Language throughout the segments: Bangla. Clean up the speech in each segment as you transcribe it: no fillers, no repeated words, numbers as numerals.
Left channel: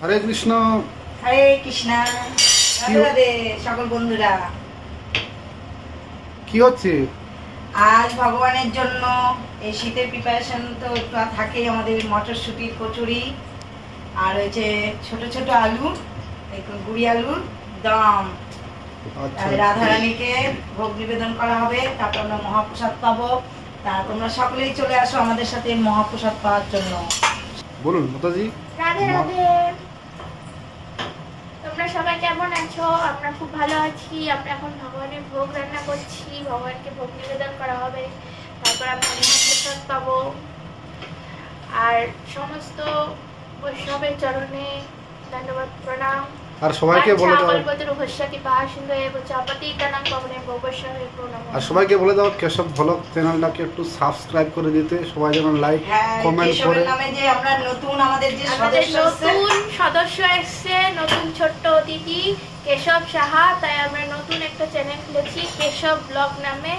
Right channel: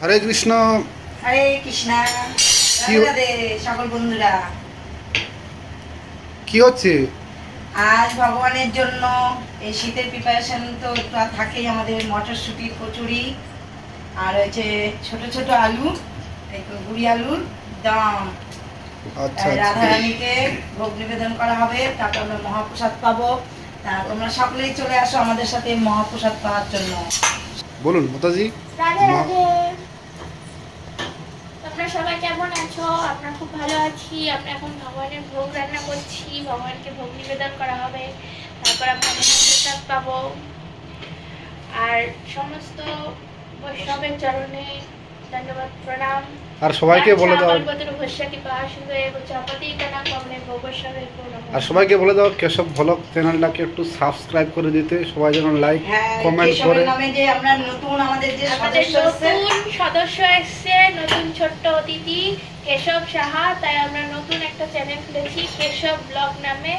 হরে কৃষ্ণ। হরে কৃষ্ণ। রাধে রাধে সকল বন্ধুরা। কি হচ্ছে আজ ভগবানের জন্য এই শীতের প্রিপারেশন তো একটু থাকেই, আমাদের মটরশুঁটির কচুরি আর হচ্ছে ছোট ছোট আলু, গুড়ি আলুর দম। আচ্ছা রাধারানীকে ভোগ নিবেদন করা হবে, তারপর আমরা মহাপ্রসাদ পাবো। তা তোমরা সকলেই চলে আসো আমাদের সাথে মহাপ্রসাদ পাওয়ার জন্য। বলুন মাতাজি। রাধে রাধে। তোমরা সবাই কেমন আছো? আমরা খুব ভালো আছি। আমরা এখন ভগবানের ভোগ রান্না করছি, ভগবানকে ভোগ নিবেদন করা হবে, তারপর আমরা মহাপ্রসাদ পাবো। আর সমস্ত বৈষ্ণবের চরণে ধন্যবাদ প্রণাম। আর সবাইকে বলে দাও, আর সবাইকে বলে দাও কেশব ভ্লগ চ্যানেলটাকে একটু সাবস্ক্রাইব করে দিতে, সবাই যেন লাইক কমেন্ট করে। যে আমরা নতুন আমাদের যে নতুন সদস্য এসছে, নতুন ছোট্ট অতিথি কেশব সাহা, তাই আমরা নতুন একটা চ্যানেল খুলেছি কেশব ব্লগ নামে।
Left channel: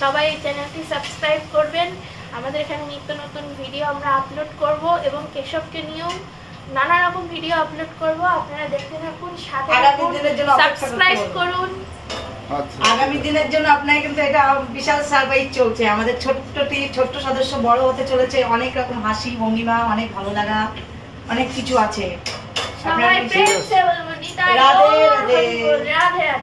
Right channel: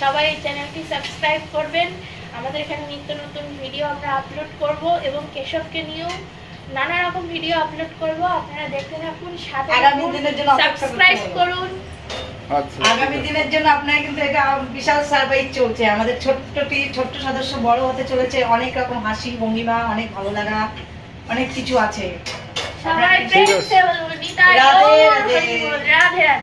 সবাই এই চ্যানেলটি সাবস্ক্রাইব করবেন। আমাদের এখানে নিত্য নতুন ভিডিও আমরা আপলোড করব এবং কেশবকে নিয়েও নানা রকম ভিডিও আপলোড করব। আপনারা দেখতে থাকুন, সাথে সাবস্ক্রাইব করুন। আচ্ছা, আগামী দিনের জন্য আপনার কিন্তু এটা বিশাল সারপ্রাইজ চলছে। আমাদের ছোট্ট সদস্য বড় হতে চলেছে, অনেক রকম হাসি ভঙ্গিমা, অনেক ভালো লাগা, অনেক কিছু আছে। সবাই প্রেম সে বলবো নিতাই রাধে গৌর রাধে। হরি বল। রাধে রাধে।